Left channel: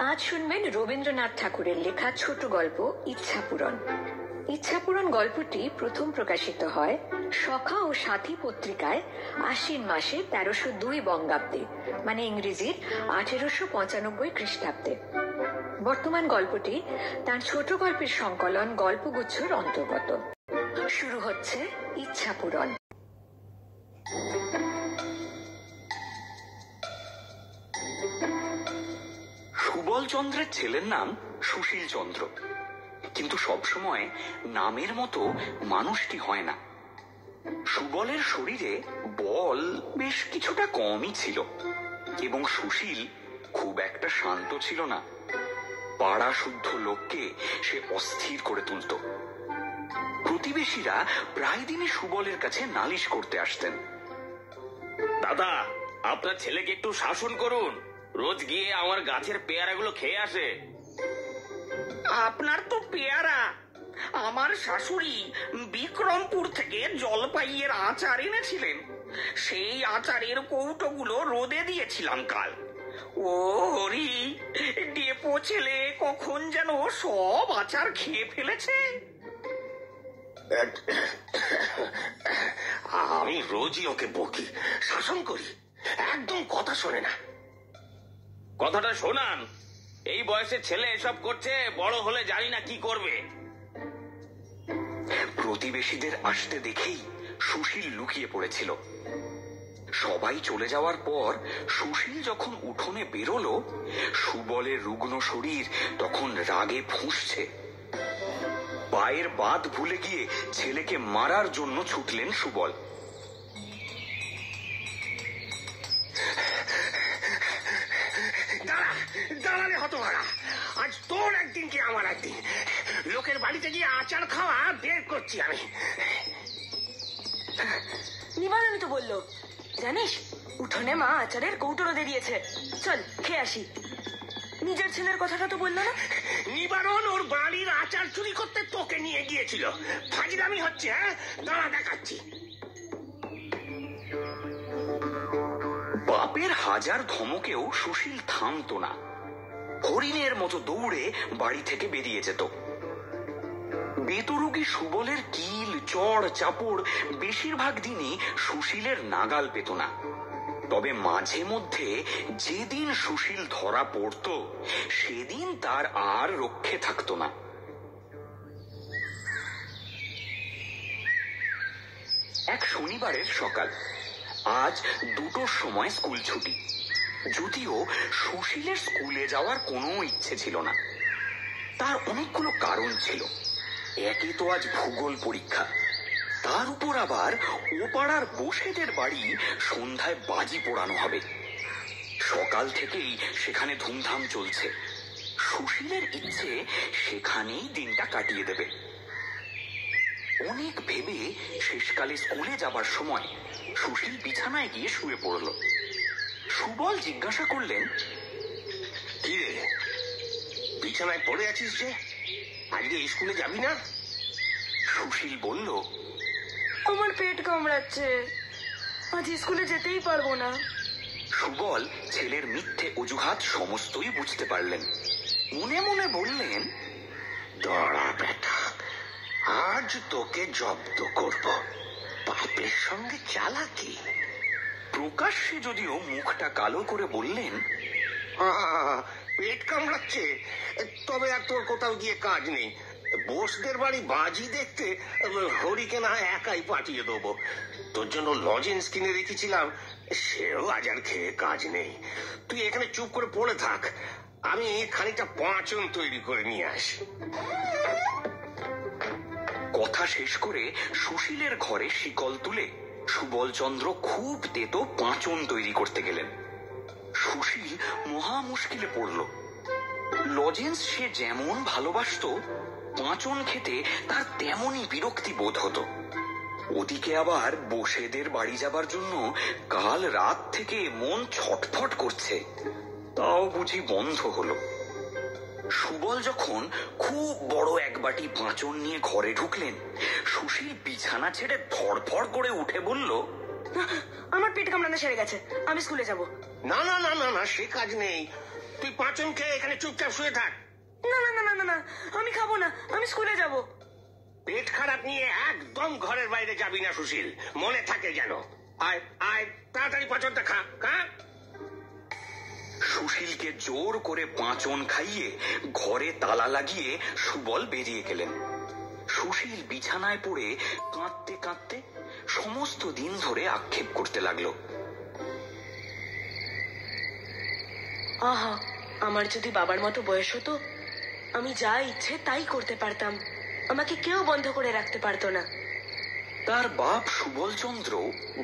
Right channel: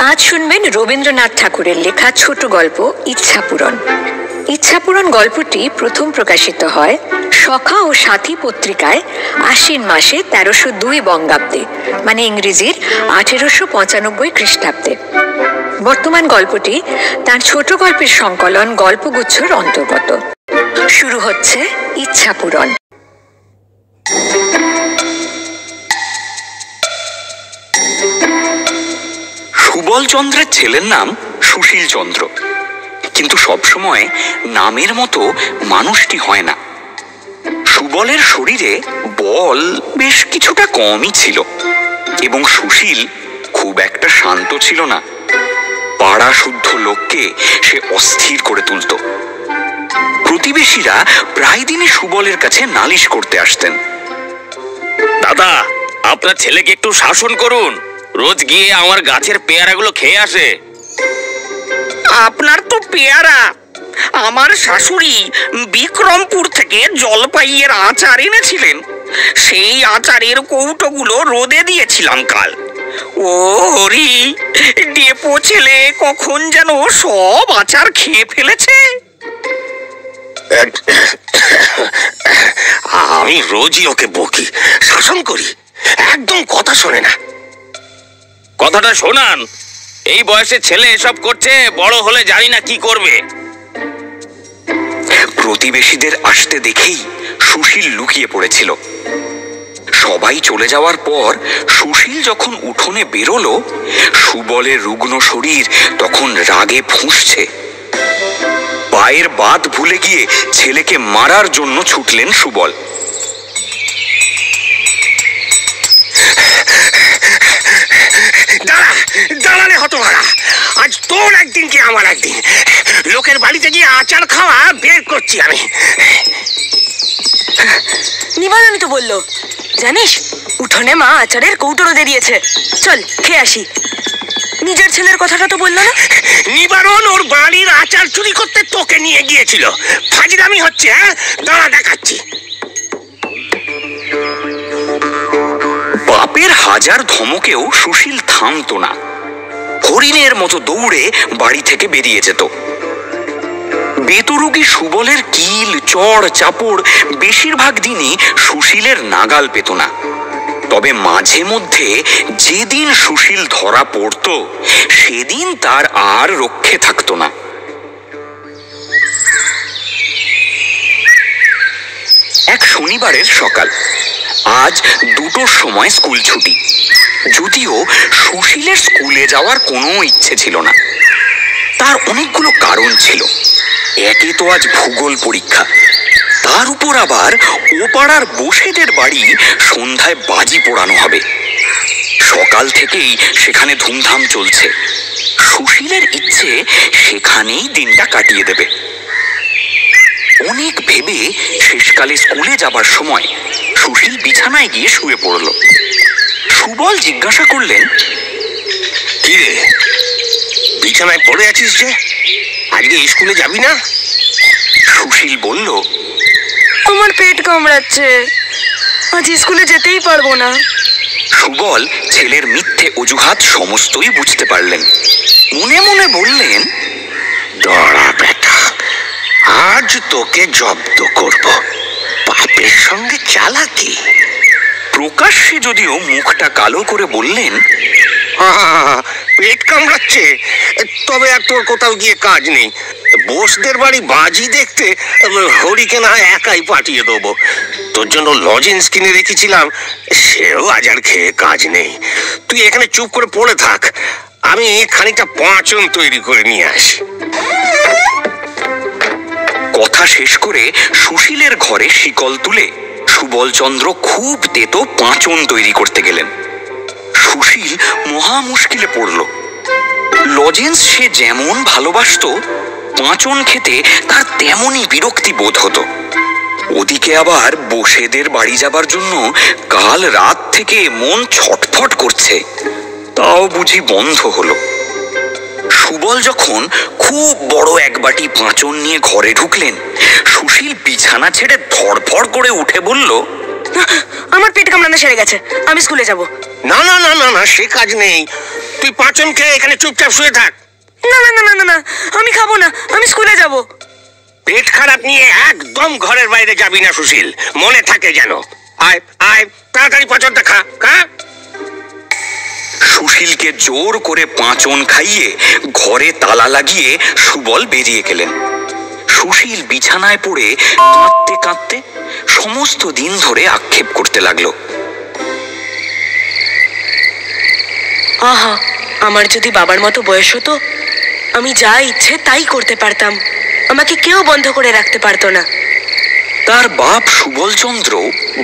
আজ শুনবেন রবীন্দ্রনাথ ঠাকুরের লেখা ছোট গল্প ইচ্ছাপূরণ। ইচ্ছাপূরণ গল্পটি প্রথম প্রকাশিত হয় সখা ও সাথী পত্রিকায় আশ্বিন মাসে 1302 বঙ্গাব্দে, মানে ইংরেজির 1895 খ্রিস্টাব্দে। বর্তমান গল্পটি তার ছোট গল্পের সংকলন গল্পগুচ্ছর অন্তর্গত। শুরু হচ্ছে ইচ্ছাপূরণ। সুবল চন্দ্রের ছেলের নাম সুশীল চন্দ্র, কিন্তু সবসময় নামের মতো মানুষটি হয় না। সুবলের শরীরে বল বেশ কিছুটা কমই ছিল এবং সুশীল খুব একটা শান্ত ছিল না। পাড়া শুদ্ধ লোককে সে অস্থির করে তুলত। প্রতিবেশীরা প্রায় দিনই সুবলের কাছে নালিশ করতে আসতেন। দাদা, আপনার ছেলেকে একটু শাসন করুন, রোজ গিয়ে আমার গাছের পেয়ারাগুলো খেয়ে আসে। আপনার তো পেয়ারা, আমার শাশুড়ি বিক্রমপুর থেকে জলপাইয়ের আচার এনেছিলেন, সেই আচারের কৌটোগুলো রোদে দিয়েছিলাম কাল। ও হরি, ডেপো ছেলে কখন যেন সব আচার খেয়ে ফেলেছে। আমি রোজই ওকে বকি, শাসন করি, একদম কথা শোনে না। কথাটা শোনান, এই বয়সে ছেলে এসব করছে, বড় হলে জানি না কি করবে। প্রতিবেশীদের আসতে দেখেই সুশীল লুকিয়ে পড়েছিল। সবাই চলে যাওয়ার পর সুশীল যখন উঠোনে বেরোলো, সুবলের রুগ্ন শরীর তখন রাগে ফুঁসছে। পায়ের বাদ ভুলে গিয়ে ছেলেকে মারার জন্য ছুটলেন সুবল। দাঁড়ালে হতভাগা, আজ তোর একদিন কি আমার একদিন। লোকের বাড়িতে গিয়ে আচার খাওয়া বের করছি আমি। নিবারণই তো বললো, জানিস উঠোনে মা আচারের কৌটো রোদে দিয়েছে, চল খেয়ে আসি। নিজের ছেলের কথাটা তো বললো না। নিবারণ ওর বাড়ির আচার চুরি করতে তোকে নিয়ে গিয়েছিল, ফাজিলামি হচ্ছে। হ্যাঁ, দাঁড়া দেখাচ্ছি। বাপের হাজার ধমকেও সুশীল থামতো না। হরিণের মতো দৌড়ে বাড়ি থেকে বেরিয়ে যেত। বেতরুগী সুবলের কিল চড় চাপড় বেশিরভাগ দিনই সুশীলের নাগাল পেত না। তবে মাঝে মধ্যে যেদিন সুশীল ধরা পড়ত, সেদিন তার আর রক্ষে থাকতো না। এক শনিবারের সকাল, আজ 2টোর সময় স্কুল ছুটি। যদিও সুশীলের স্কুলে যাওয়ার কোনো ইচ্ছে ছিল না। তার অনেকগুলো কারণ ছিল। একে তো আজ ভূগোল পরীক্ষা, তার উপর আবার ও পাড়ার বসেদের বাড়ি সন্ধ্যায় বাজি পোড়ানো হবে। সকাল থেকেই সেখানে ধুমধাম চলছে। সুশীলের ইচ্ছে সেখানেই দিনটা কাটিয়ে দেবে। অনেক ভেবে শেষকালে স্কুলে যাবার সময় সুশীল বিছানায় গিয়ে শুয়ে পড়ল। সুবল জিজ্ঞাসা করলেন, কি রে, বিছানায় পড়ে আছিস যে? আজকে স্কুলে যাবি না? সুশীল বলল, আমার পেট কামড়াচ্ছে, আজ স্কুলে যেতেই পারবো না। সুবল ছেলের মিথ্যে অজুহাত সমস্তই বুঝতে পারলেন। মনে মনে বললেন, দাঁড়া বেটা, আজ তোকে জব্দ করব। বাপের সঙ্গে চালাকি। প্রকাশ্যে যদিও মুখটা কালো করে বললেন, পেট কামড়াচ্ছে, তবে আর তোর কোথাও গিয়ে কাজ নেই। বোসদের বাড়ি বাজি দেখতে হরিকে না একাই পাঠিয়ে দেবো। তোর জন্য লজেন্স কিনে রেখেছিলাম, সেও আজ আর খেয়ে কাজ নেই। তুই এখানে চুপ করে পড়ে থাক, আমি খানিকটা পাঁচন তৈরি করে নিয়ে আসি। কথা শেষ করে সুশীলের ঘরে শিকল তুলে সুবলচন্দ্র খুব তেতো পাঁচন তৈরি করতে গেলেন। সুশীল মহা মুশকিলে পড়ল। লজেন্স সে যেমন ভালোবাসত, পাঁচন খেতে তার তেমনই বিরক্তি বোধ হতো। ওদিকে আবার বসেদের বাড়ি যাবার জন্য কাল রাত থেকে মন ছটফট করছে, তাও বুঝি বন্ধ হলো। সুবল যখন খুব বড় এক বাটি পাঁচন নিয়ে ঘরে ঢুকলেন, সুশীল বিছানা ছেড়ে ধড়ফড় করে উঠে বলল, আমার পেট কামড়ানো সেরে গেছে, আমি স্কুলে যাব। না না না না না, সে কাজ নেই। তুই পাঁচন খেয়ে এখানে চুপচাপ শুয়ে থাক। না না না না না, আমি খাবো না, আমি স্কুলে যাব। পেট খারাপ নিয়ে একদম ঘরের বাইরে যাবি না সুশীল, মনে থাকে যেন। আয় আয়, তাড়াতাড়ি পাঁচনটা খা খা। সুশীলকে জোর করে পাঁচন খাইয়ে ঘরে তালা লাগিয়ে সুবল বেরিয়ে গেলেন। সুশীল বিছানায় পড়ে কাঁদতে কাঁদতে সমস্ত দিন ধরে আক্ষেপ করতে লাগলো। আহা, আমার যদি বাবার মতো বয়স হতো, আমি যা ইচ্ছে তাই করতে পারতাম, আমাকে কেউ বন্ধ করে রাখতে পারতো না। তার বাপ সুবলচন্দ্র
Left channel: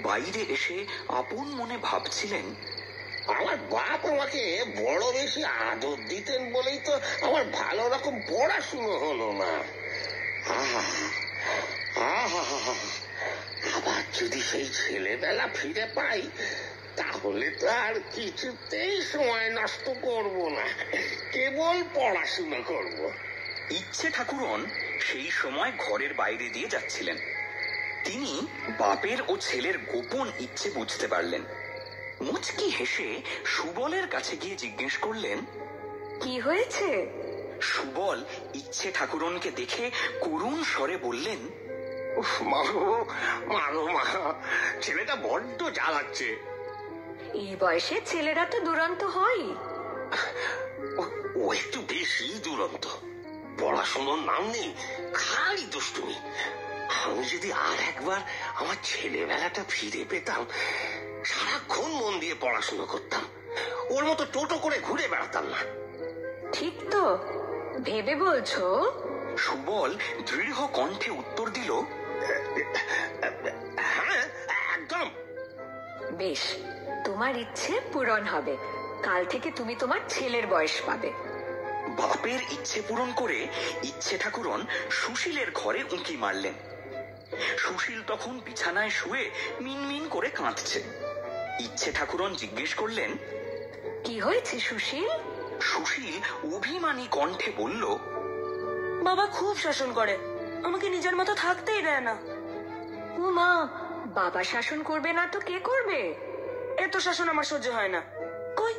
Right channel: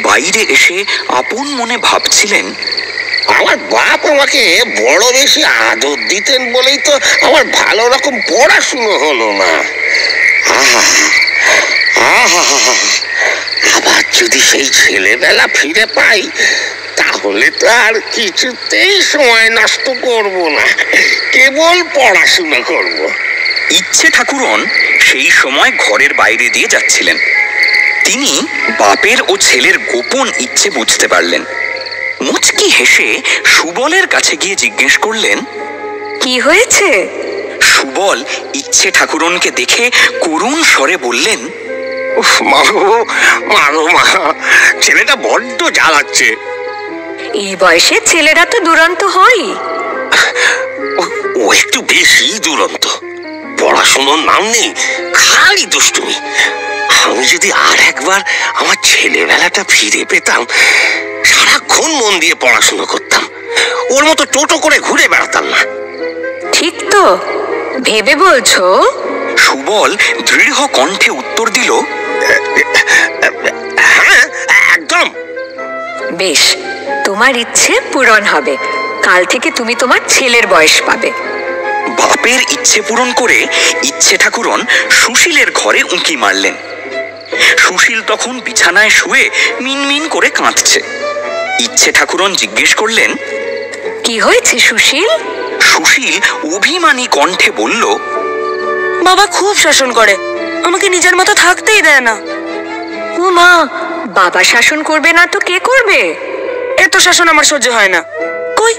বাইরে এসে আপন মনে ভাবছিলেন, আমার বাপ আমাকে বড় বেশি আদর দিতেন বলেই তো আমার ভালো রকম পড়াশুনো হলো না। আবার যদি সেই ছেলেবেলা ফিরে পাই, তাহলে তো আর কিছুতেই সময় নষ্ট করব না, কেবল পড়াশুনো করব। ইচ্ছে ঠাকুরন সেই সময় ঘরের বাইরে দিয়ে যাচ্ছিলেন। তিনি বাপের ও ছেলের গোপন ইচ্ছে বুঝতে পারলেন। মুচকি হেসে সুবলের কাছে গিয়ে জিজ্ঞেস করলেন, কি হয়েছে? সুবল ইচ্ছে ঠাকুরনকে দেখে করুণ স্বরে বললেন, মারো মা, ছেলেটা বড্ড জ্বালাচ্ছে। এই বয়সে ছেলেরা তো দুরন্ত হয়। ও একটু বেশি দুরন্ত, পড়াশোনার নাম নেই, খালি দুষ্টুমি। আমি যদি আর একবার আমার ছেলেবেলাটা ফিরে পেতাম, সারাক্ষণ মন দিয়ে পড়াশোনা করতাম, ওর মতো টোটো করে ঘুরে বেড়াতাম না। ঠিক তো ভেবে বলছো? সুবল দৃঢ় কণ্ঠে উত্তর দিল, হ্যাঁ একদম। বেশ, তোমার ইচ্ছে পূরণ হবে। কাল থেকে তুমি তোমার ছেলের বয়স পাবে। বাপের ইচ্ছে পূরণ করে ইচ্ছে ঠাকুরন সুশীলের ঘরে উঁকি মারলেন। সুশীল তখন বিছানায় শুয়ে মিনমিন করে কাঁদছে। ইচ্ছে ঠাকুরন জিজ্ঞেস করলেন, কি হয়েছে সুশীল? সুশীল অভিমানী কণ্ঠে বলল, বাবা খুব শাসন করে, আমাকে নিজের মতো থাকতেই দেয় না। ও মা, বাবা শাসন করবে না তো কে করবে? এত শাসন আমার সহ্য হয় না। কই,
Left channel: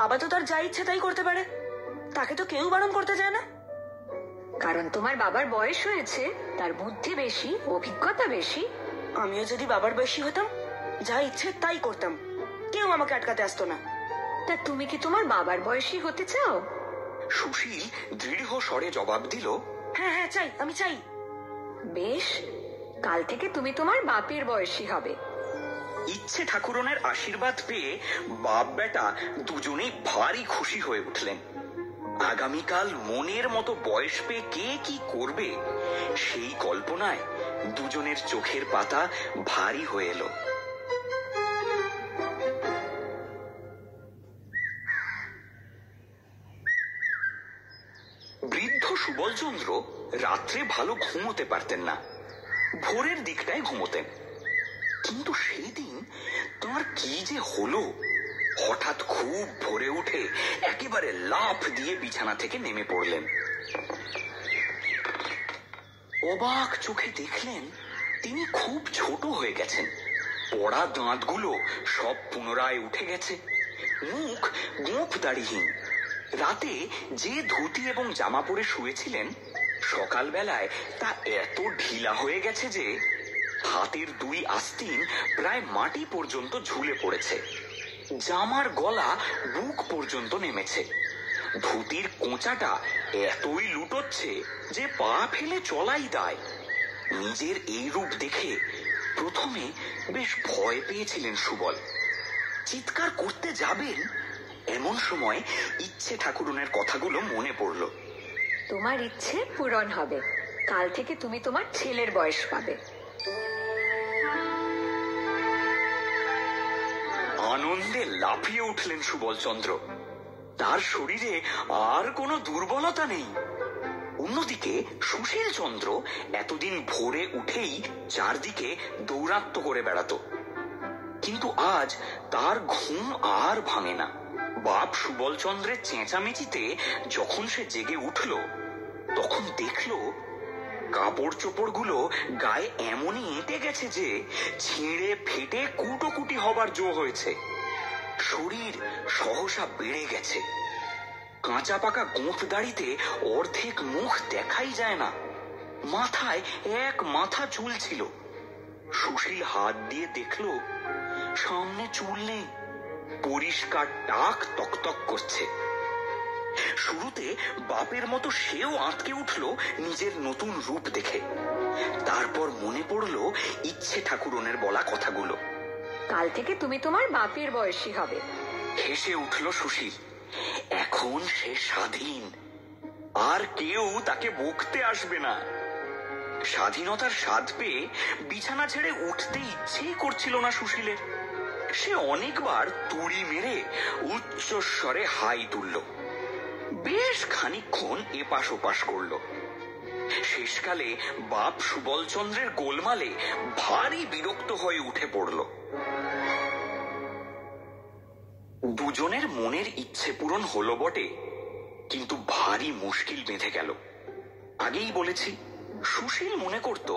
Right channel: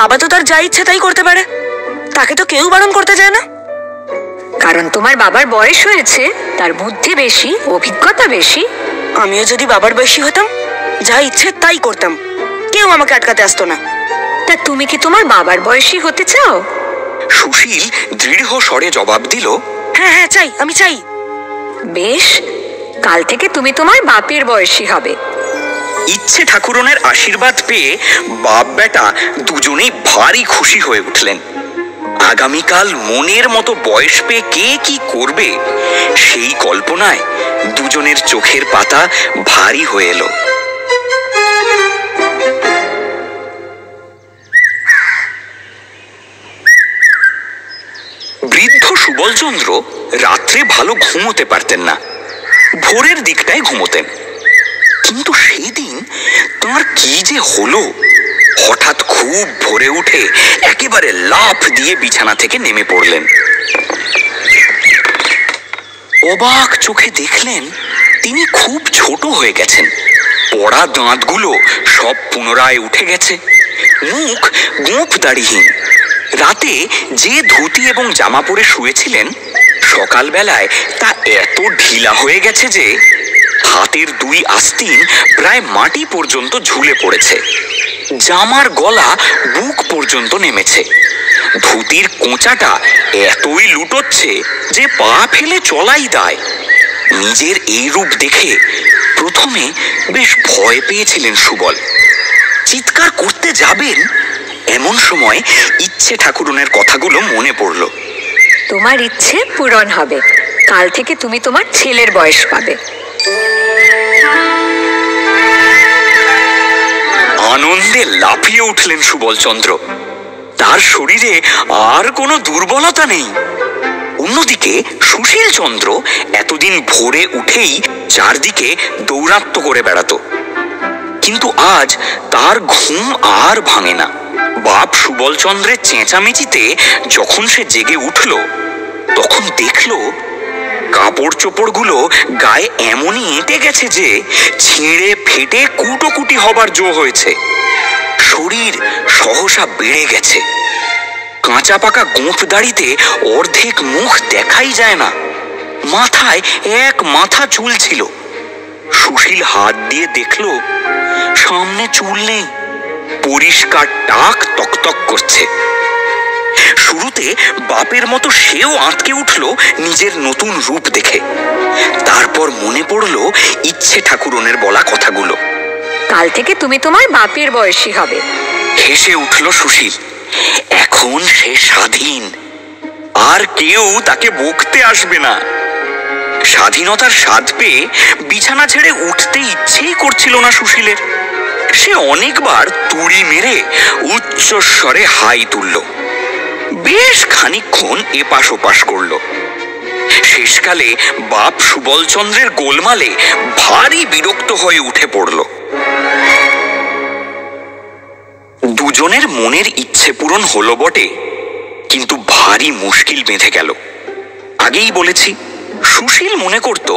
বাবা তো তার যা ইচ্ছে তাই করতে পারে, তাকে তো কেউ বারণ করতে যায় না। কারণ তোমার বাবার বয়স হয়েছে, তার বুদ্ধি বেশি, অভিজ্ঞতা বেশি। আমিও যদি বাবার বয়সী হতাম, যা ইচ্ছে তাই করতাম, কেউ আমাকে আটকাতে আসতো না। তা তুমি কি তোমার বাবার বয়সী হতে চাও? সুশীল দৃঢ় স্বরে জবাব দিল, হ্যাঁ হ্যাঁ চাই, আমি চাই। বেশ, কাল থেকে তুমি তোমার বাপের বয়সী হবে। ইচ্ছে ঠাকুরনের আশীর্বাদ পেয়ে বাপ বেটা দুজনেই ভারী খুশি হয়ে উঠলেন। আগামীকাল মনের মতো বয়স পেয়ে কে কি করবে, সেই কল্পনায় দুজনের চোখের পাতা ভারী হয়ে এলো। বৃদ্ধ সুবলচন্দ্র রাত্রে ভালো ঘুমোতে পারতেন না, ভোরের দিকটায় ঘুমোতেন। কিন্তু সেদিন তাঁর কি যে হলো, হঠাৎ খুব ভোরে উঠে একেবারে লাফ দিয়ে বিছানা থেকে নেমে পড়লেন। অবাক চোখে দেখলেন তিনি খুব ছোট হয়ে গেছেন। পড়া দাঁতগুলো সব পুনরায় উঠে গেছে, মুখ গোঁফ দাড়িহীন। রাতে যে ধুতি এবং জামা পরে শুয়েছিলেন, সকালবেলায় তা এত ঢিলা হয়ে গেছে যে হাতের দুই আস্তিন প্রায় মাটি পর্যন্ত ঝুলে পড়েছে। জামার গলা বুক পর্যন্ত নেমেছে। ধুতির কোঁচাটা এতই লুটোচ্ছে যে পা ফেলে চলাই দায়। নিজের এই রূপ দেখে প্রথমে বেশ ভয় পেয়েছিলেন সুবল। চিৎকার করতে যাবেন, এমন সময় ইচ্ছে ঠাকুরনের কথাগুলো মনে পড়ল। তোমার ইচ্ছে পূরণ হবে, কাল থেকে তুমি তোমার ছেলের বয়স পাবে। আনন্দে লাফিয়ে উঠলেন সুবলচন্দ্র। তার শরীরে আর কোনো দুর্বলতা নেই। অন্যদিকে সুশীল চন্দ্র এতদিন ভোরে উঠেই চারদিকে দৌরাত্ম্য করে বেড়াতো, কিন্তু আজ তার ঘুম আর ভাঙে না। বাপ সুবলচন্দ্রের চেঁচামেচিতে যখন সে জেগে উঠল, তখন দেখল কাপড় চোপড়গুলো গায়ে এমনই এঁটে গেছে যে ছিঁড়ে ফেটে কুটোকুটি হবার জো হয়েছে। শরীর সহসা বেড়ে গেছে। কাঁচা পাকা গোঁফ দাড়িতে অর্ধেক মুখ দেখাই যায় না। মাথায় এক মাথা চুল ছিল। সুশীল হাত দিয়ে দেখল সামনে চুল নেই, পরিষ্কার টাক তকতক করছে। শুরুতে বাপের মতো সেও আঁতকে উঠল নিজের নতুন রূপ দেখে। তারপর মনে পড়ল ইচ্ছে ঠাকুরনের বলা কথাগুলো। কাল থেকে তুমি তোমার বাপের বয়সী হবে। হেসে উঠল সুশীল। এখন সে স্বাধীন, আর কেউ তাকে বকতে আসবে না। স্বাধীনতার স্বাদ পেয়ে বিছানা ছেড়ে উঠতে ইচ্ছেই করছিল না সুশীলের। সে অনেকবার তুড়ি মেরে উচ্চস্বরে হাই তুলল। বেশ খানিকক্ষণ এপাশ ওপাশ করল। শেষকালে বাপ সুবলচন্দ্রের গোলমালে ভারী বিরক্ত হয়ে উঠে পড়ল। দুজনের মনের ইচ্ছে পূরণ হলো বটে, কিন্তু ভারী মুশকিল বেঁধে গেল। আগেই বলেছি, সুশীল মনে করত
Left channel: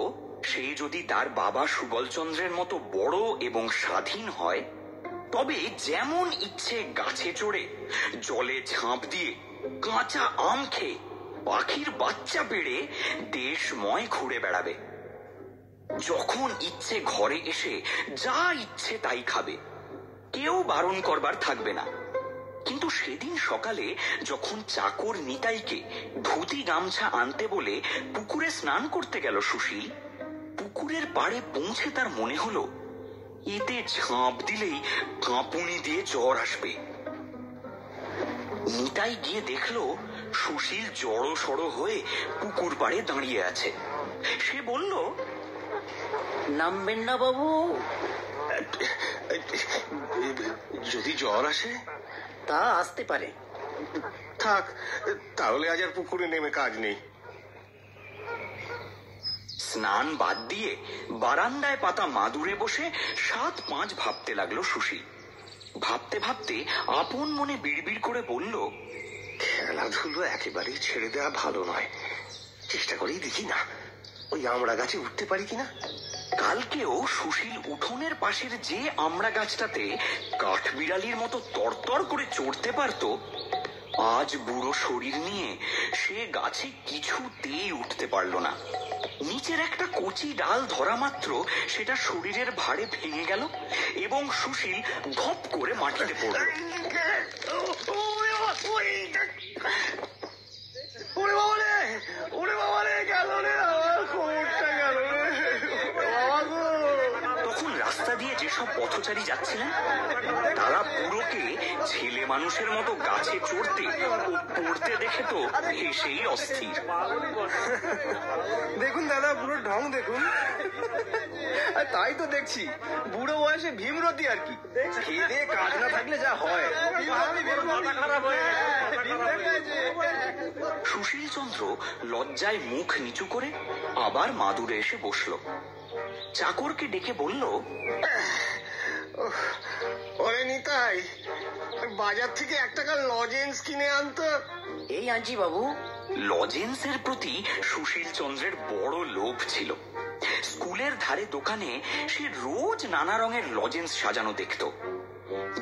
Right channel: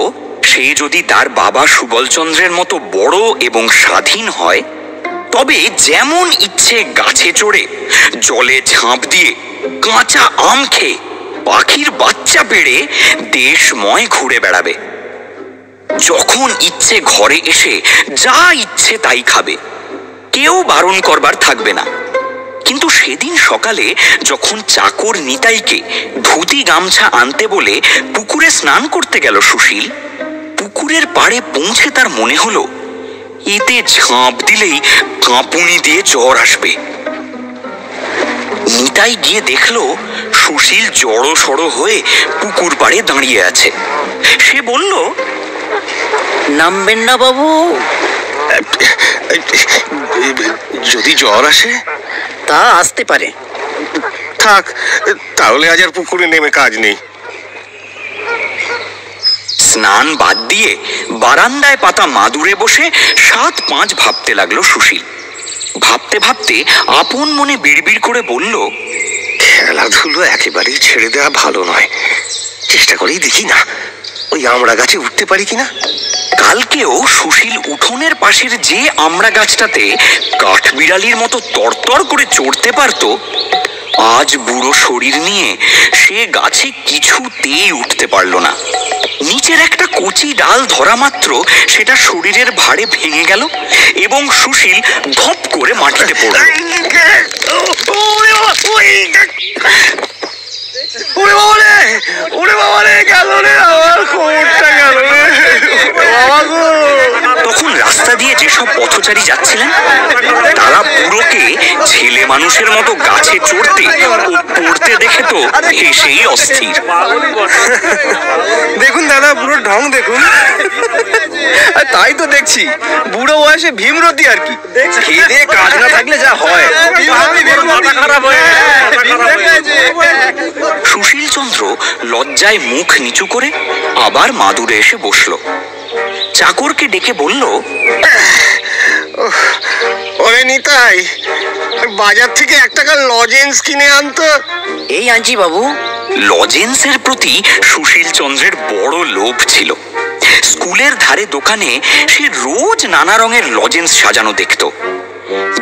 সে যদি তার বাবা সুবলচন্দ্রের মতো বড় এবং স্বাধীন হয় তবে যেমন ইচ্ছে গাছে চড়ে, জলে ঝাঁপ দিয়ে, কাঁচা আম খেয়ে, পাখির বাচ্চা পেড়ে দেশময় ঘুরে বেড়াবে। যখন ইচ্ছে ঘরে এসে যা ইচ্ছে তাই খাবে, কেউ বারণ করবার থাকবে না। কিন্তু সেদিন সকালে যখন চাকর নিতাইকে ধুতি গামছা আনতে বলে পুকুরে স্নান করতে গেল সুশীল, পুকুরের পাড়ে পৌঁছে তার মনে হলো এতে ঝাঁপ দিলেই কাঁপুনি দিয়ে জ্বর আসবে। নিতাই গিয়ে দেখলো সুশীল জড়ো সড়ো হয়ে পুকুর পাড়ে দাঁড়িয়ে আছে। সে বলল, নামবেন না বাবু? যদি জ্বর আসে? তা আসতে পারে। থাক, তাহলে আজ আর পুকুরে নেমে কাজ নেই। স্নান বাদ দিয়ে বারান্দায় পাতা মাদুরে বসে ৭-৫ ভাবতে লাগলো সুশীল। ভাবতে ভাবতে আপন মনে বিড়বিড় করে বলল, খেলাধুলো একেবারেই ছেড়ে দেওয়া ভালো নয়। চেষ্টা করেই দেখি না ওই আমড়া গাছে উঠতে পারি কিনা। কালকেও সুশীল উঠোনের পাশের যে আমড়া গাছটাতে কাঠবিড়ালির মতো তরতর করে চড়তে পারত, আজ বুড়ো শরীর নিয়ে সে গাছে কিছুতেই উঠতে পারল না। নিচের একটা কচি ডাল ধরা মাত্র সেটা শরীরের ভারে ভেঙে গেল এবং সুশীল ধপ করে মাটিতে পড়ল। তখন রাস্তা দিয়ে যেসব পথচারী যাচ্ছিলেন তারা বুড়োকে ছেলে মানুষের মতো গাছে চড়তে ও পড়তে দেখে তো হেসেই অস্থির। দেখুন দাদা, বুড়োর ঢং দেখুন। তাই তো দেখছি, বুড়ো বয়সে ভীমরতি আর কি। খেয়ে কাজ না থাকলে যা হয়। সুশীল চন্দ্র লজ্জায় মুখ নিচু করে আবার মাদুরে এসে বসলো। চাকরকে ডেকে বলল, ওরে নিতাই, বাজার থেকে 1 টাকার লজেন্স কিনে আনতো। এই আনছি বাবু। লজেন্সের প্রতি সুশীল চন্দ্রের বড় লোভ ছিল। স্কুলের ধারে দোকানে সে রোজ নানা রঙের লজেন্স সাজানো দেখত।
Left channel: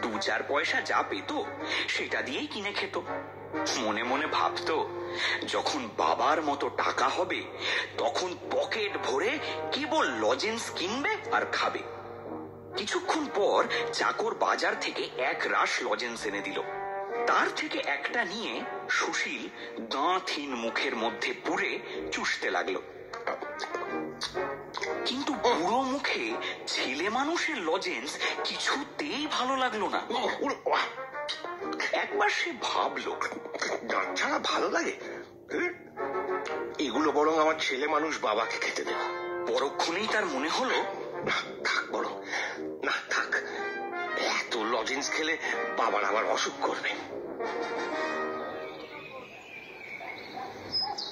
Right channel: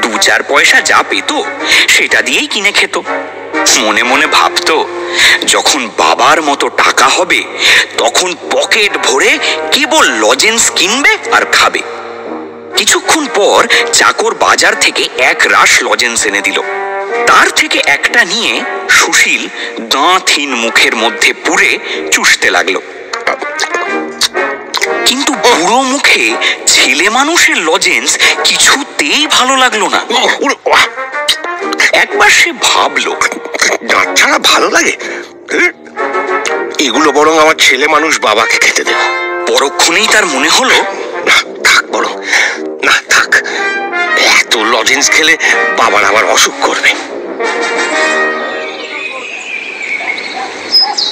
2-4 পয়সা যা পেত সেটা দিয়েই কিনে খেত। মনে মনে ভাবত, যখন বাবার মতো টাকা হবে তখন পকেট ভরে কেবল লজেন্স কিনবে আর খাবে। কিছুক্ষণ পর চাকর বাজার থেকে 1 রাশ লজেন্স এনে দিল। তার থেকে একটা নিয়ে সুশীল দাঁতহীন মুখের মধ্যে পুরে চুষতে লাগলো। কিন্তু বুড়ো মুখে ছেলে মানুষের লজেন্স কিছুতেই ভালো লাগলো না। একবার সে ভাবলো, দাঁত ছাড়া ভালো লাগে? এগুলো বরং আমার ছেলে মানুষ বাবাকে খেতে দেব। পরক্ষণেই তার মনে হলো, না থাক, বরং না থাক, এত লজেন্স খেলে বাবার আবার অসুখ করবে।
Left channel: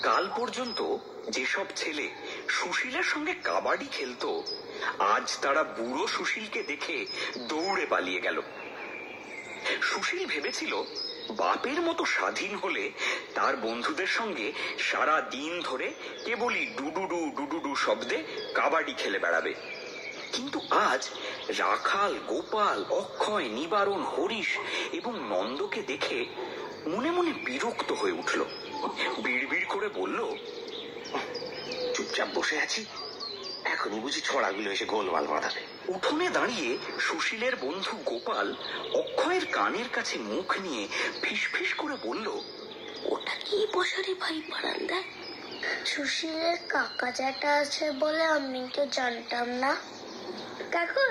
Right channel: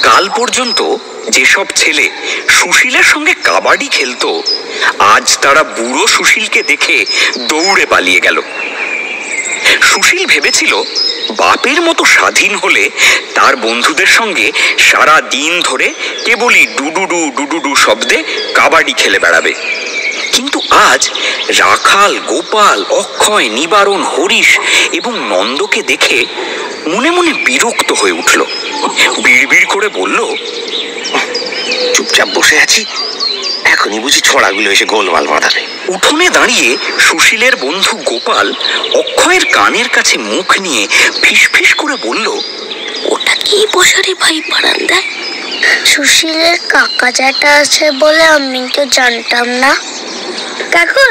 কাল পর্যন্ত যেসব ছেলে সুশীলের সঙ্গে কাবাডি খেলতো, আজ তারা বুড়ো সুশীলকে দেখে দৌড়ে পালিয়ে গেল। সুশীল ভেবেছিল বাপের মতো স্বাধীন হলে তার বন্ধুদের সঙ্গে সারা দিন ধরে কেবলই ডুডুডু ডুডুডু শব্দে কাবাডি খেলে বেড়াবে। কিন্তু আজ রাখাল, গোপাল, অক্ষয়, নিবারণ, হরিশ এবং নন্দকে দেখে মনে মনে বিরক্ত হয়ে উঠল। বিড়বিড় করে বলল, চুপচাপ বসে আছি, এখনই বুঝি ছোড়াগুলো এসে গোলমাল বাঁধাবে। উঠোনে দাঁড়িয়ে সুশীলের বন্ধু গোপাল অক্ষয়ের কানের কাছে মুখ নিয়ে ফিসফিস করে বলল, ওটা কি বসারে ভাই বারান্দায়? সুশীলের কাকা জ্যাঠা আছে বলে আমি তো জানতাম না। কাকু,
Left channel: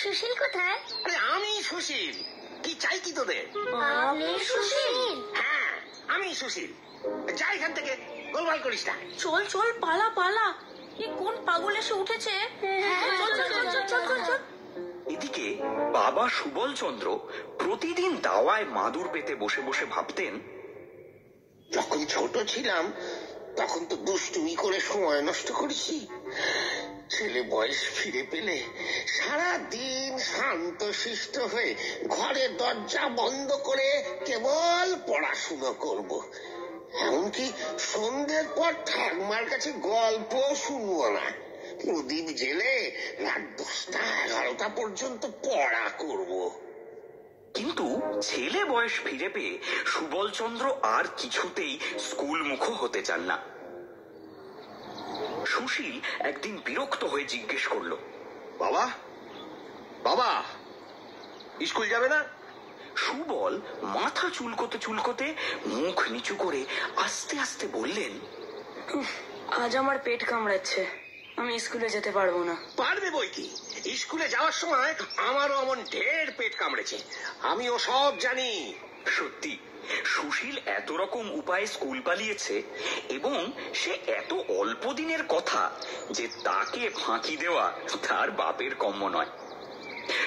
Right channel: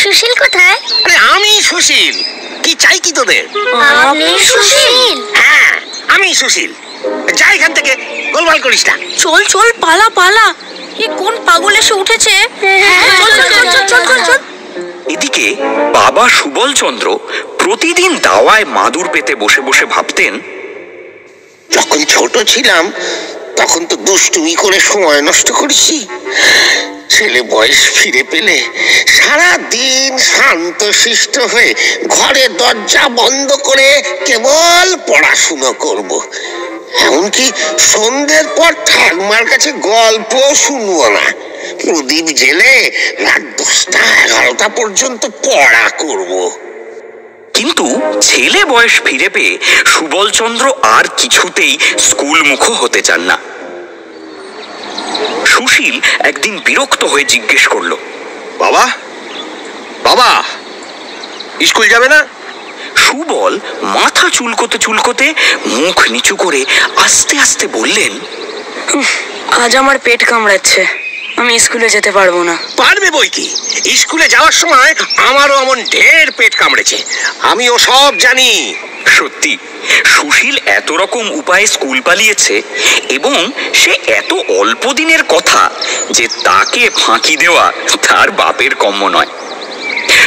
সুশীল কোথায়? আরে আমি সুশীল। কি চাই কি তোদের? আপনি সুশীল? হ্যাঁ, আমি সুশীল। যা এখান থেকে, গোলমাল করিস না। চল চল, পালা পালা। এ কোন পাগল এসে উঠেছে? চল চল চল চল চল চল। এদিকে বাবা সুবলচন্দ্র প্রতিদিন দাওয়ায় মাদুর পেতে বসে বসে ভাবতেন, যখন ছোট ছিলাম তখন তো দুষ্টুমি করে সময় নষ্ট করেছি। ছেলে বয়স ফিরে পেলে সারা দিন শান্ত শিষ্ট হয়ে ঘরে দরজা বন্ধ করে কেবল পড়াশুনো করব। এমনকি সন্ধ্যের পর ঠাকুমার কাছে গল্প শুনবো না। প্রদীপ জেলে রাত 10টা 11টা পর্যন্ত পড়া করব। কিন্তু ছেলে বয়স ফিরে পেয়ে সুবলচন্দ্র আর কিছুতেই স্কুলমুখ হতে চান না। সুশীল একদিন বিরক্ত হয়ে জিজ্ঞেস করল, বাবা বাবা, স্কুল যাবে না? সুবল মাথা চুলকোতে চুলকোতে মুখ নিচু করে আস্তে আস্তে বললেন, আজ আমার পেট কামড়াচ্ছে, আমি স্কুলে যেতে পারবো না। পারবে বই কি, স্কুলে যাওয়ার সময় আমারও এমন ঢের পেট কামড়েছে, আমিও সব জানি। সত্যি সুশীল এত রকম উপায়ে স্কুল পালিয়েছে এবং সে এত অল্প দিনের কথা যে তাকে ফাঁকি দেওয়া তার বাপের কম্য নয়।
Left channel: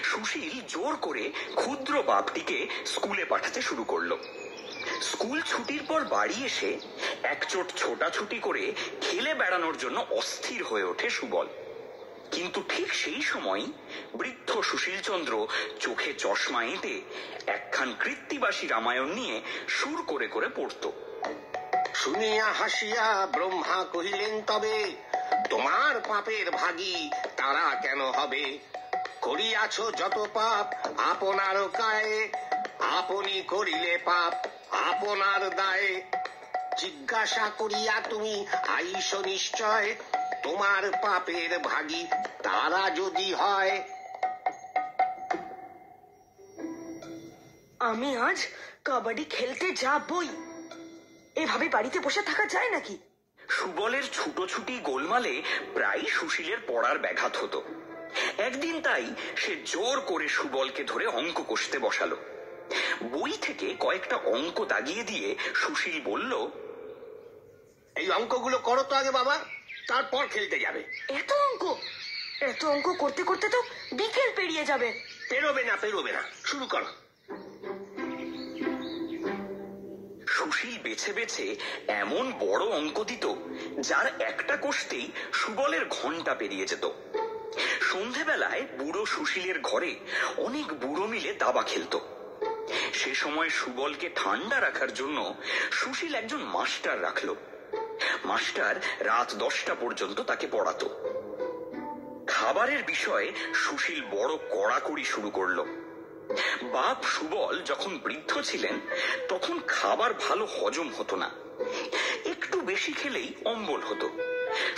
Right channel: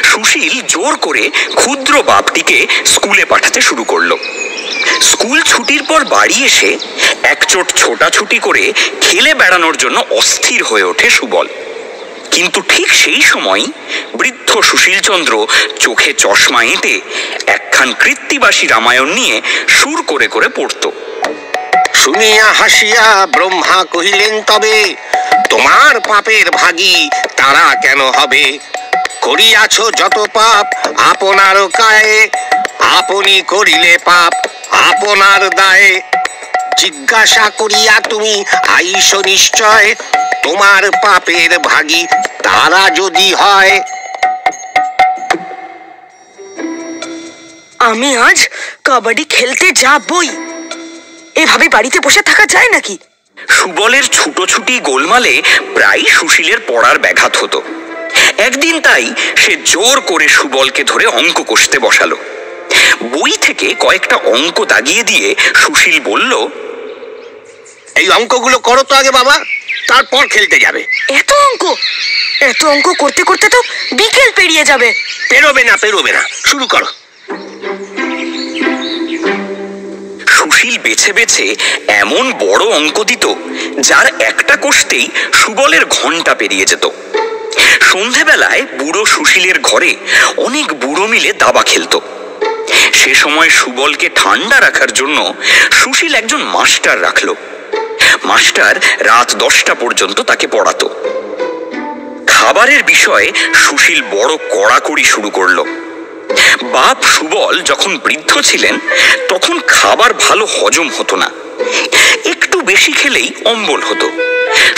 সুশীল জোর করে ক্ষুদ্র বাপটিকে স্কুলে পাঠাতে শুরু করলো। স্কুল ছুটির পর বাড়ি এসে একচোট ছোটাছুটি করে খেলে বেড়ানোর জন্য অস্থির হয়ে ওঠে সুবল। কিন্তু ঠিক সেই সময় বৃদ্ধ সুশীলচন্দ্র চোখে চশমা এঁটে একখান কৃত্তিবাসী রামায়ণ নিয়ে সুর করে করে পড়ত। শুনিয়া হাসিয়া ব্রহ্মা কহিলেন, তবে তোমার পাপের ভাগী তারা কেন হবে? করিয়াছ যত পাপ আপনার কায়ে, আপনি করিলে পাপ আপনার দায়ে। জিজ্ঞাসা করিয়া তুমি আইস নিশ্চয়, তোমার পাপের ভাগী তারা যদি হয়। আমি আজ কাবাডি খেলতে যাবই। এভাবে বাড়িতে বসে থাকা যায় নাকি? সুবলের ছুটোছুটি গোলমালে প্রায় সুশীলের পড়ার ব্যাঘাত হতো। একদিন তাই সে জোর করে সুবলকে ধরে অঙ্ক কষতে বসালো। বই থেকে কয়েকটা অঙ্ক দাগিয়ে দিয়ে সুশীল বলল, এই অঙ্কগুলো করো তো আগে বাবা, তারপর খেলতে যাবে। এত অঙ্ক করতে করতে তো বিকেল পেরিয়ে যাবে। পেরোবে না, শুরু করো। সুশীল বেছে বেছে এমন বড় অঙ্ক দিত যার একটা কষতেই সুবলের ঘন্টা পেরিয়ে যেত। সন্ধেবেলায় বুড়ো সুশীলের ঘরে অনেক বুড়ো মিলে দাবা খেলত। সে সময় সুবলকে ঠান্ডা রাখার জন্য সুশীল একজন মাস্টার রাখলো। মাস্টার রাত 10টা পর্যন্ত তাকে পড়াতো। খাবারের বিষয়ে সুশীল বড় কড়াকড়ি শুরু করলো। বাপ সুবল যখন বৃদ্ধ ছিলেন তখন খাবার ভালো হজম হতো না, একটু বেশি খেলেই অম্বল হতো।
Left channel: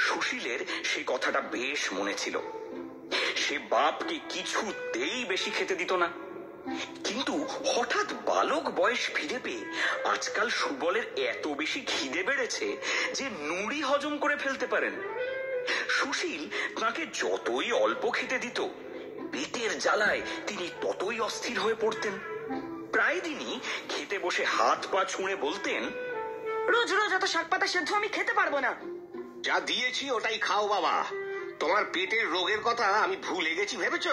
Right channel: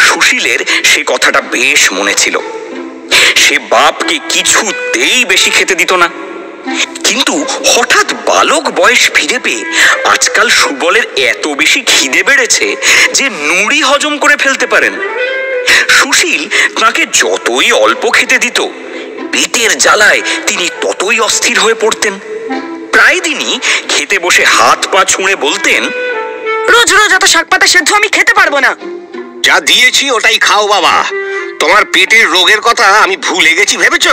সুশীলের সে কথাটা বেশ মনে ছিল। সে বাপকে কিছুতেই বেশি খেতে দিত না। কিন্তু হঠাৎ বালক বয়স ফিরে পেয়ে আজকাল সুবলের এত বেশি খিদে বেড়েছে যে নুড়ি হজম করে ফেলতে পারেন। সুশীল তাকে যতই অল্প খেতে দিত, পেটের জ্বালায় তিনি ততই অস্থির হয়ে পড়তেন। প্রায় দিনই খেতে বসে হাত পা ছুঁড়ে বলতেন, রোজ রোজ এত শাকপাতা সেদ্ধ আমি খেতে পারবো না। যা দিয়েছি ওটাই খাও বাবা, তোমার পেটের রোগের কথা আমি ভুলে গেছি ভেবেছ?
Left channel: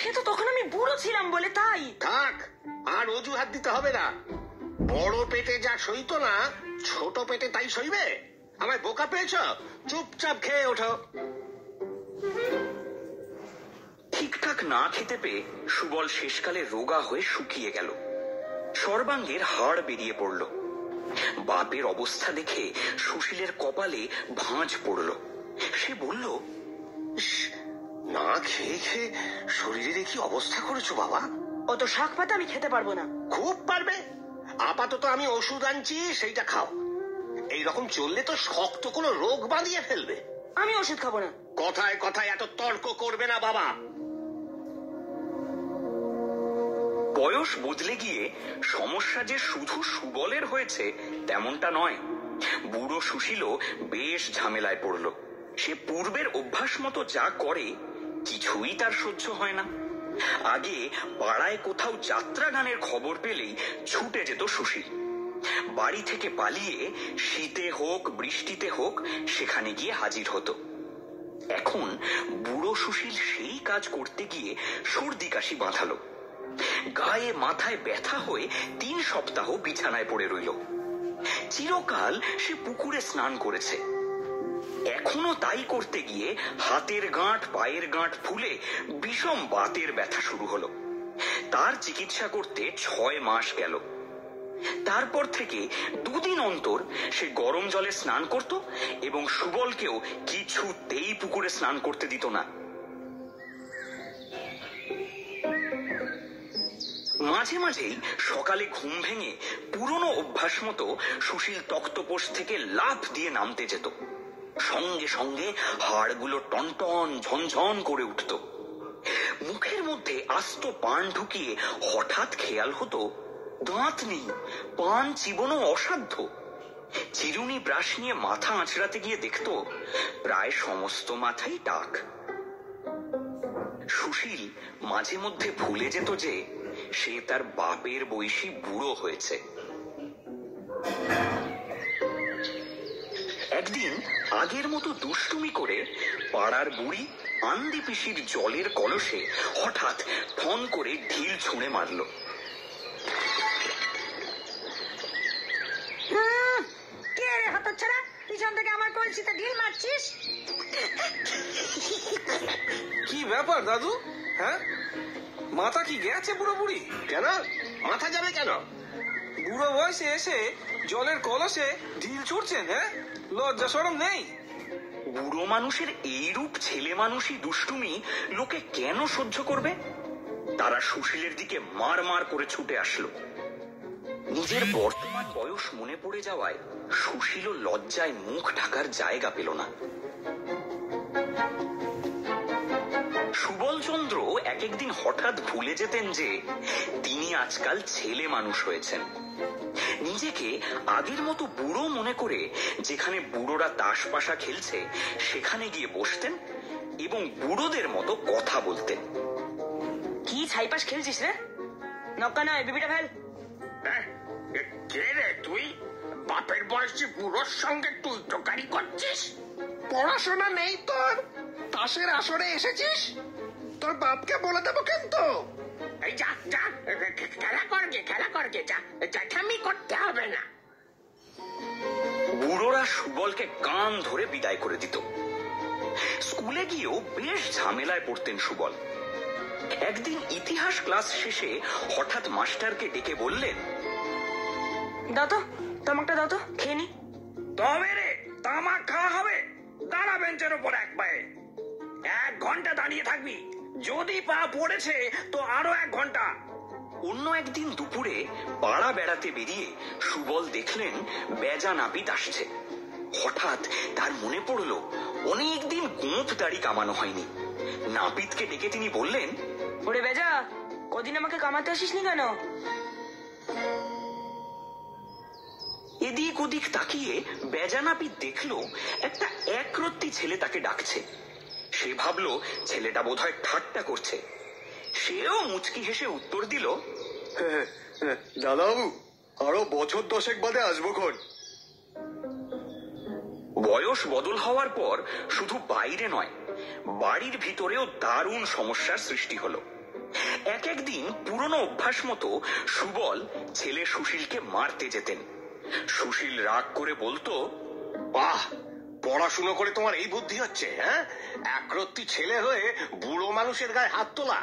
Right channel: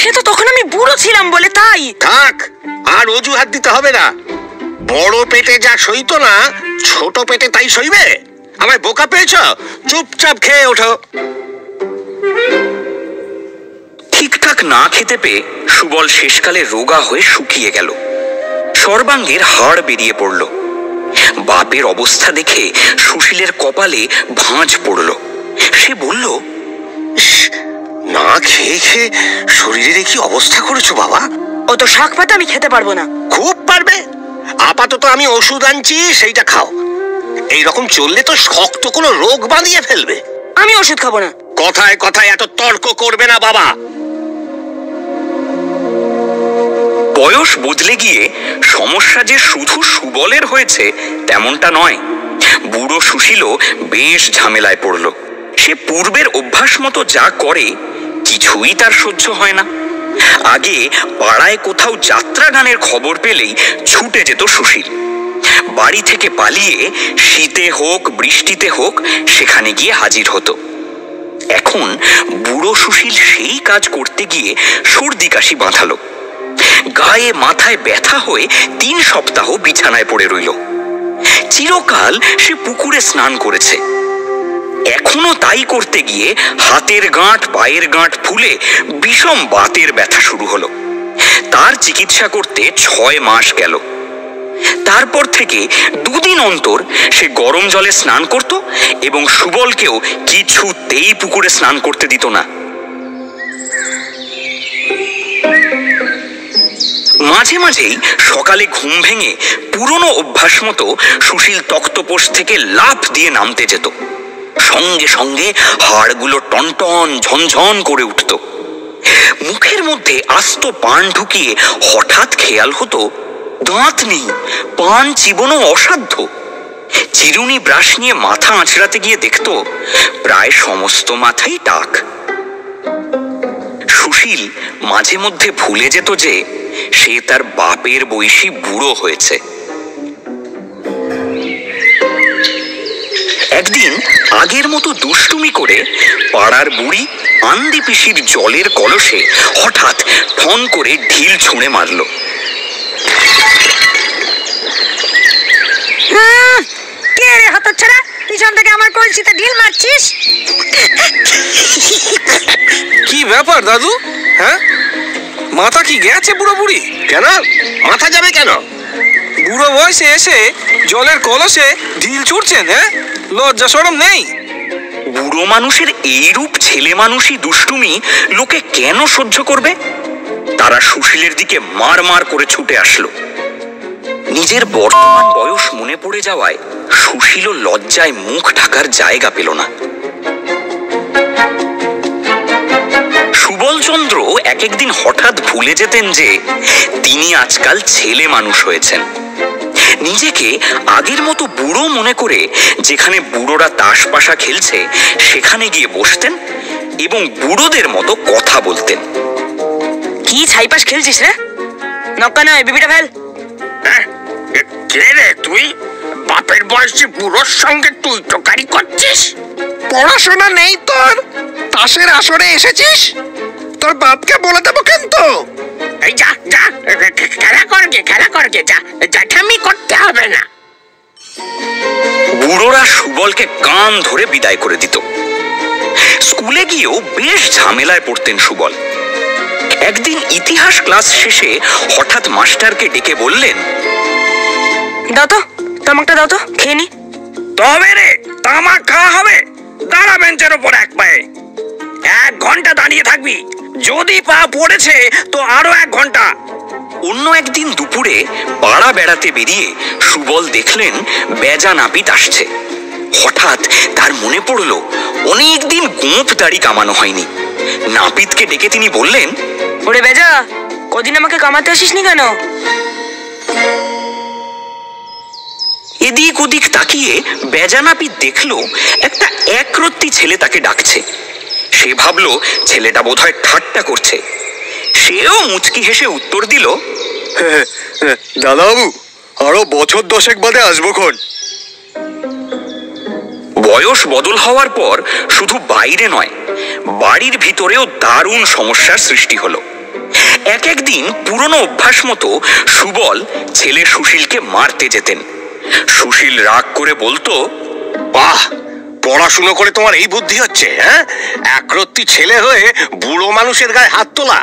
সে তো তখন আমি বুড়ো ছিলাম বলে তাই। থাক, আর অজুহাত দিতে হবে না। বড় পেটে যা সইতো না, ছোট পেটে তাই সইবে? আমায় বোকা পেয়েছ? চুপচাপ খেয়ে ওঠো। ঠিকঠাক না খেতে পেয়ে সুবল শেষকালে রোগা হয়ে শুকিয়ে গেল। সর্বাঙ্গের হাড় বেরিয়ে পড়ল। বাপের অবস্থা দেখে সুশীলের কপালে ভাঁজ পড়ল। সে বলল, না খেয়ে খেয়ে শরীরের কি অবস্থা করেছো বাবা? অত শাক পাতা আমি খেতে পারবো না। খুব পারবে। আপাতত আমি ওষুধ আনছি, সেইটা খাও। এইরকম চললে তো শক্ত কোনো রোগ বাঁধিয়ে ফেলবে। আমি ওষুধ খাবো না। কথায় কথায় এত তর্ক করবে না বাবা। বয়স বদলে গিয়ে সমস্যা যে শুধু সুবলের হয়েছে তেমনটা নয়। বুড়ো সুশীলও বেশ ঝামেলায় পড়ল। সে পূর্বের অভ্যাস মতো যা করে কিছুই তার সহ্য হয় না। আগে পাড়ায় কোথাও যাত্রা গানের খবর পেলেই ছুটে যেত সুশীল। বাড়ি থেকে পালিয়ে শীতে হোক বৃষ্টিতে হোক সেখানে গিয়ে হাজির হতো। এখন বুড়ো সুশীল সেই কাজ করতে গিয়ে সর্দি কাশি বাঁধালো। গায়ে মাথায় ব্যথা হয়ে 3 সপ্তাহ বিছানায় পড়ে রইল। চিরকাল সে পুকুরে স্নান করেছে, এখনো তাই করতে গিয়ে হাতের গাঁট পায়ের গাঁট ফুলে বিষম বাতের ব্যথা শুরু হলো। তার চিকিৎসা করতে 6 মাস গেল। তারপর থেকে 2 দিন অন্তর সে গরম জলে স্নান করত এবং সুবলকেও কিছুতেই পুকুরে স্নান করতে দিত না। মাঝে মাঝেই সকালে ঘুম ভেঙে পুরনো অভ্যাস মতো সুশীল তক্তপোষ থেকে লাফ দিয়ে নামতে যেত। সঙ্গে সঙ্গে হাড়গুলো টনটন ঝনঝন করে উঠত। মুখের মধ্যে আস্ত পান ঢুকিয়ে হঠাৎ খেয়াল হতো দাঁত নেই, পান চিবোনো অসাধ্য। চিরুনি ব্রাশ নিয়ে মাথা আঁচড়াতে গিয়ে দেখত প্রায় সমস্ত মাথাই টাক। সুশীল মাঝে মধ্যে ভুলে যেত যে সে তার বাপের বয়সী বুড়ো হয়েছে। একদিন আগের মতো দুষ্টুমি করে পাড়ার বুড়ি আন্দি পিসির জলের কলসে হঠাৎ ঠন করে ঢিল ছুঁড়ে মারল। কে রে হতচ্ছাড়া, পিছন থেকে আমার কলসিতে ঢিল মারছিস? কি ব্যাপার দাদু? হ্যাঁ, মাথা কি গেছে বুড়ো বুড়ি? কেন মাথা যাবে কেন? বুড়ো বয়সে এসে জলের কলসে ঢিল ছুটছেন? হ্যাঁ, লজ্জা শরম নেই? বুড়ো মানুষের এইরূপ ছেলে মানুষই দুষ্টুমি লোকে কেন সহ্য করবে? তারা সুশীলের দিকে মার মার করে ছুটে আসলো। নিজের বর্তমান বয়স মনে পড়ে যাওয়ায় সুশীল লজ্জায় মুখ ঢাকার জায়গা পেল না। সুবলচন্দ্র এক একদিন হঠাৎ ভুলে যেতেন যে তিনি আজকাল ছেলে মানুষ হয়েছেন। নিজেকে আগের মতো বুড়ো মনে করে যেখানে বুড়োরা তাস পাশা খেলছে সেখানে গিয়ে বসতেন এবং বুড়োদের মতো কথা বলতেন। কি ছাইপাশ খেলছিস রে? নক্কা নয়, বিবিটা ফেল। কে রে তুই? বাপের বয়সী বুড়োর সঙ্গে তুই তোকারি করছিস? পড়াশোনা নেই তোর, তাসের আসরে এসেছিস? তোর বাপকে বলে দেবো কিন্তু। এই যা যা, খেলা করগে যা, জ্যাঠামি করতে হবে না। বুড়োরা সুবলকে কান ধরে বিদায় করে দিত। স্কুলে গিয়েও বেশ ঝামেলায় পড়তেন সুবল। একদিন ইতিহাস ক্লাস শেষে হঠাৎ মাস্টারকে ডেকে বললেন, দাও তো তামাকটা, দাও তো খেয়ে নি। তবে রে, তামাক খাওয়া হবে? দাঁড়া বেঞ্চের ওপর এক পায়ে। 1 ঘন্টা দাঁড়িয়ে থাকবি, যদি পা পড়েছে তো আরো 1 ঘন্টা। অন্য একদিন দুপুরে পাড়া বেড়াতে বেরিয়ে সুবল দেখলেন বেজা নাপিত আসছে। হঠাৎ তার মনে পড়ল অনেকদিন গোঁফ দাড়ি কামানো হয়নি। নাপিতকে ডেকে তিনি বললেন, ওরে বেজা, কদিন আমাকে কামাতে আসিসনি কেন? এদিক ওদিক তাকিয়ে বেজা নাপিত দেখলো একটা একরত্তি ছেলে তাকে ডাকছে। সে ভাবলো ছেলেটা বোধহয় ঠাট্টা করছে। সেও মুচকি হেসে উত্তর দিল, দাদাবাবু, আরো বছর 10 বাদে আসবো খন। বয়স বদল হওয়ার পর শুধু বাইরে নয়, বাড়ির ভিতরেও দারুণ সমস্যার সৃষ্টি হলো। একদিন পুরনো অভ্যাস মতো সুবল ছেলে সুশীলকে মারতে যেতেন। সুশীল রাগ করে বলতো, বাহ, পড়াশুনো করে তোমার এই বুদ্ধি হচ্ছে? হ্যাঁ, একরত্তি ছেলে হয়ে বুড়ো মানুষের গায়ে হাত তোলা।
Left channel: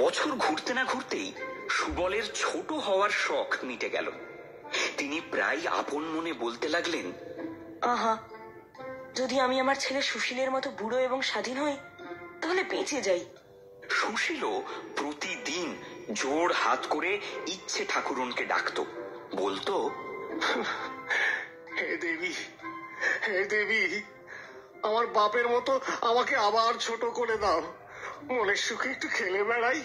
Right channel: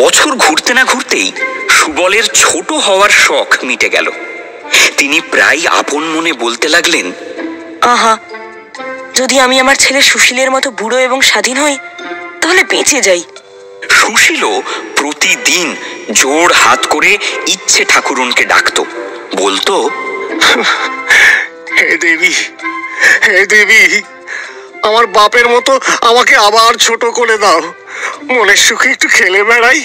বছর ঘুরতে না ঘুরতেই সুবলের ছোট হওয়ার শখ মিটে গেল। তিনি প্রায় আপন মনে বলতে লাগলেন, আহা, যদি আমি আমার ছেলে সুশীলের মতো বুড়ো এবং স্বাধীন হই তাহলে বেঁচে যাই। সুশীলও প্রতিদিন জোড় হাত করে ইচ্ছে ঠাকুরনকে ডাকতো, বলতো, হে দেবী, হে দেবী, আমার বাপের মতো আমাকে আবার ছোট করে দাও, মনের সুখে একটু খেলে বেড়াই।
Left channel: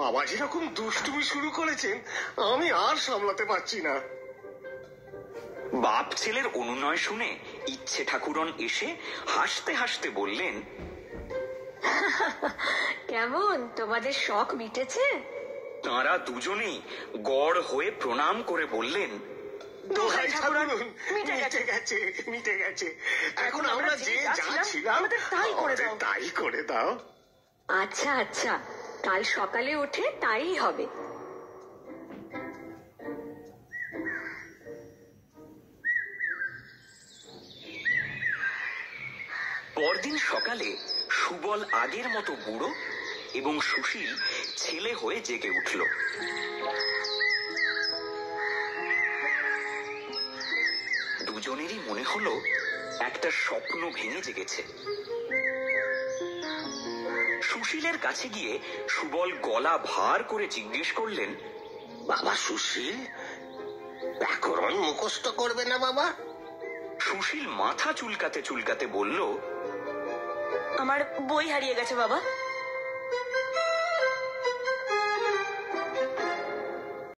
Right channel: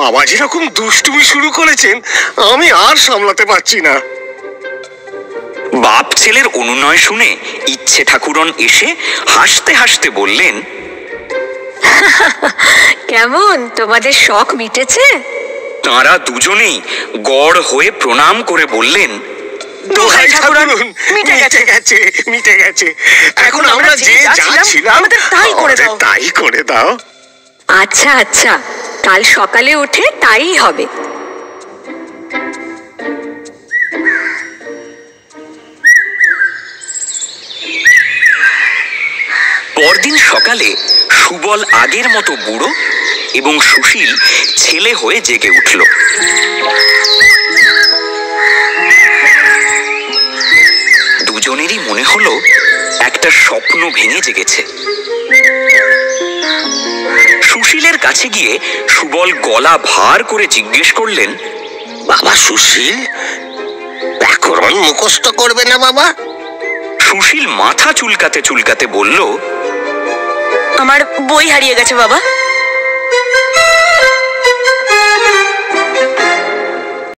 বাবা যেরকম দুষ্টুমি শুরু করেছেন আমি আর সামলাতে পারছি না। বাপ ছেলের অনুনয় শুনে ইচ্ছে ঠাকুরন এসে হাসতে হাসতে বললেন, কেমন তোমাদের শখ মিটেছে? তাঁরা দুজনেই গড় হয়ে প্রণাম করে বললেন, দোহাই ঠাকুরন, মিটে গেছে, মিটে গেছে। এখন আমরা যে যাচ্ছিলাম আমাদের তাই করে দাও। তাই করে দাও। আচ্ছা আচ্ছা, কাল সকালে উঠে তাই হবে। পরদিন সকালে সুবল আগের মতো বুড়ো এবং সুশীল ছেলে হয়ে জেগে উঠল। দুজনেরই মনে হলো একটা স্বপ্ন ভেঙে জেগেছে। সুশীলের কাছে গিয়ে সুবল গলা ভার করে জিজ্ঞেস করলেন, বাবা সুশীল, ব্যাকরণ মুখস্থ করবে না বাবা? সুশীল মাথা চুলকাতে চুলকাতে বলল, আমার বই হারিয়ে গেছে বাবা।